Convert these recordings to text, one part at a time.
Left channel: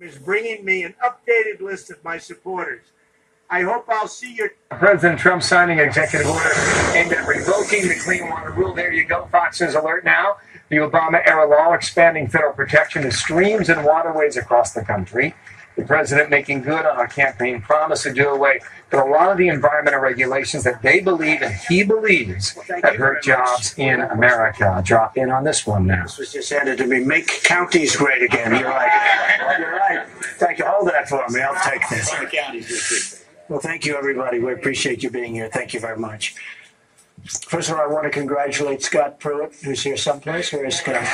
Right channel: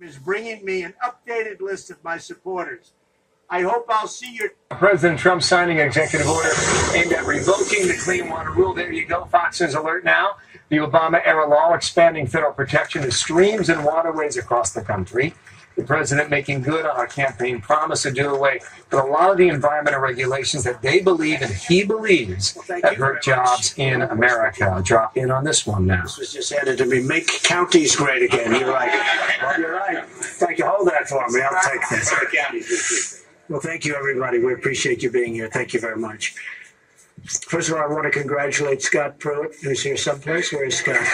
is bringing me an updated list of my supporters. I hope I'll see you. President Trump signing executive order aimed at revoking the Clean Water Rule. There you go. Fox News alert now. The Obama-era law expanding federal protection to streams and waterways across the country. The president making good on a campaign promise to do away with a lot of the environmental regulations that they believe and he believes that hurt jobs in America. I'll drop in on this one now. This was just handed to me. Make counties great again. You're right. You're right. Thank you. Hold that for me. I'll take this. Well, thank you, everybody. We appreciate you being here. Thank you very much. First of all, I want to congratulate Scott Pruitt, who's here someplace. Where is Scott?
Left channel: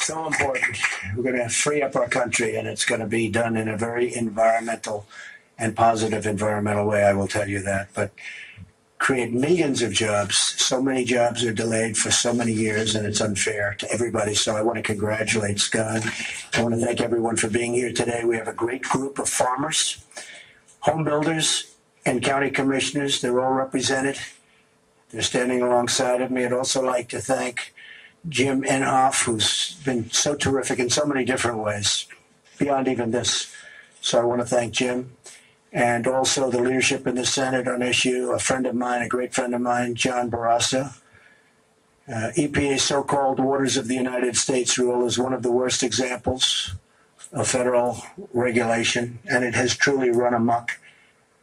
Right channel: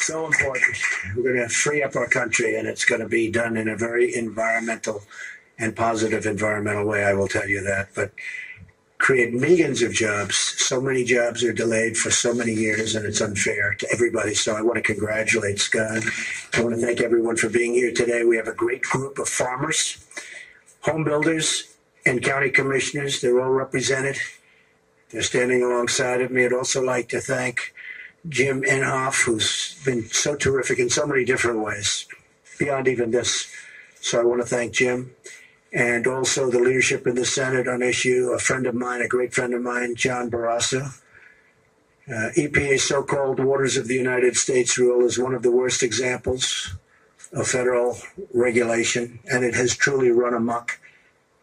So important. We're going to free up our country, and it's going to be done in a very environmental and positive environmental way, I will tell you that. But create millions of jobs. So many jobs are delayed for so many years, and it's unfair to everybody. So I want to congratulate Scott. I want to thank everyone for being here today. We have a great group of farmers, home builders, and county commissioners. They're all represented. They're standing alongside of me. I'd also like to thank Jim Inhofe, who's been so terrific in so many different ways, beyond even this. So I want to thank Jim. And also the leadership in the Senate on issue, a friend of mine, a great friend of mine, John Barrasso. EPA's so-called Waters of the United States rule is one of the worst examples of federal regulation, and it has truly run amok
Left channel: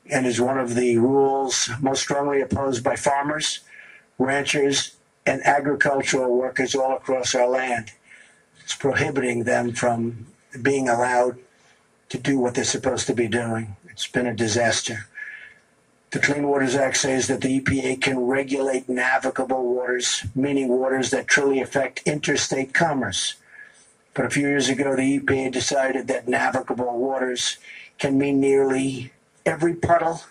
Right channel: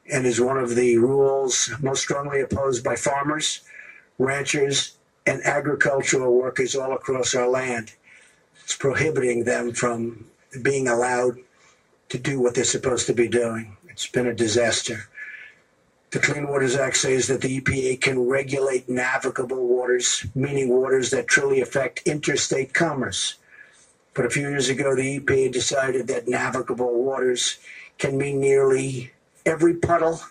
and is one of the rules most strongly opposed by farmers, ranchers, and agricultural workers all across our land. It's prohibiting them from being allowed to do what they're supposed to be doing. It's been a disaster. The Clean Waters Act says that the EPA can regulate navigable waters, meaning waters that truly affect interstate commerce. But a few years ago, the EPA decided that navigable waters can mean nearly every puddle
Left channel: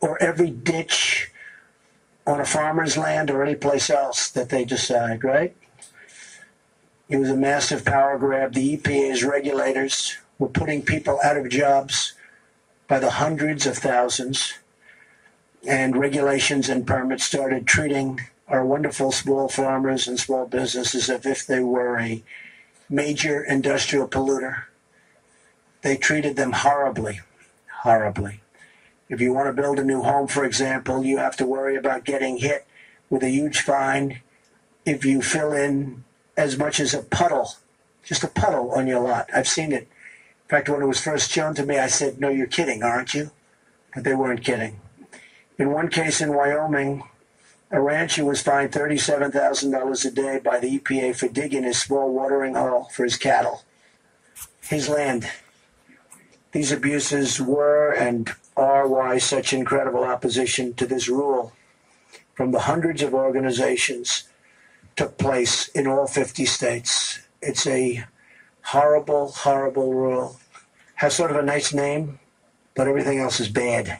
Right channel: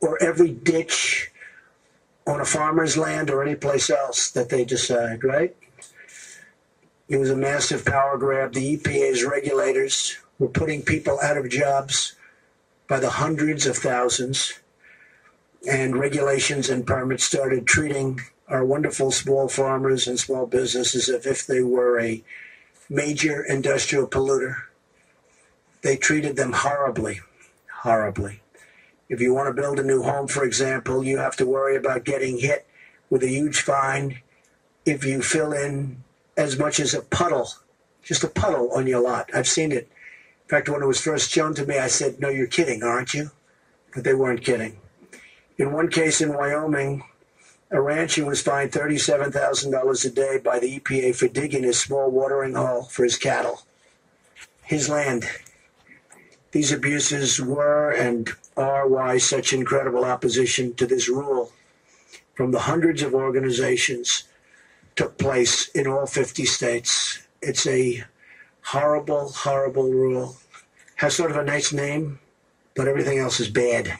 or every ditch on a farmer's land or any place else that they decide, right? It was a massive power grab. The EPA's regulators were putting people out of jobs by the hundreds of thousands, and regulations and permits started treating our wonderful small farmers and small businesses as if they were a major industrial polluter. They treated them horribly, horribly. If you want to build a new home, for example, you have to worry about getting hit with a huge fine if you fill in as much as a puddle, just a puddle on your lot. I've seen it. In fact, when it was first shown to me, I said, "No, you're kidding, aren't you?" But they weren't kidding. In one case in Wyoming, a rancher was fined $37,000 a day by the EPA for digging a small watering hole for his cattle. His land. These abuses were and are why such incredible opposition to this rule from the hundreds of organizations took place in all 50 states. It's a horrible, horrible rule. Has sort of a nice name, but everything else is bad.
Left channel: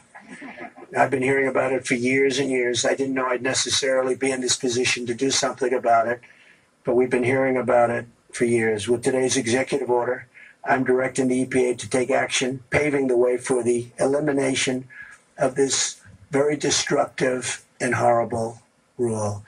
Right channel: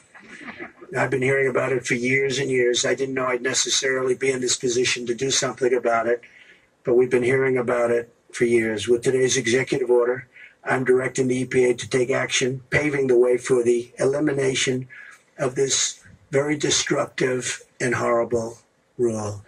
I've been hearing about it for years and years. I didn't know I'd necessarily be in this position to do something about it, but we've been hearing about it for years. With today's executive order, I'm directing the EPA to take action, paving the way for the elimination of this very destructive and horrible rule.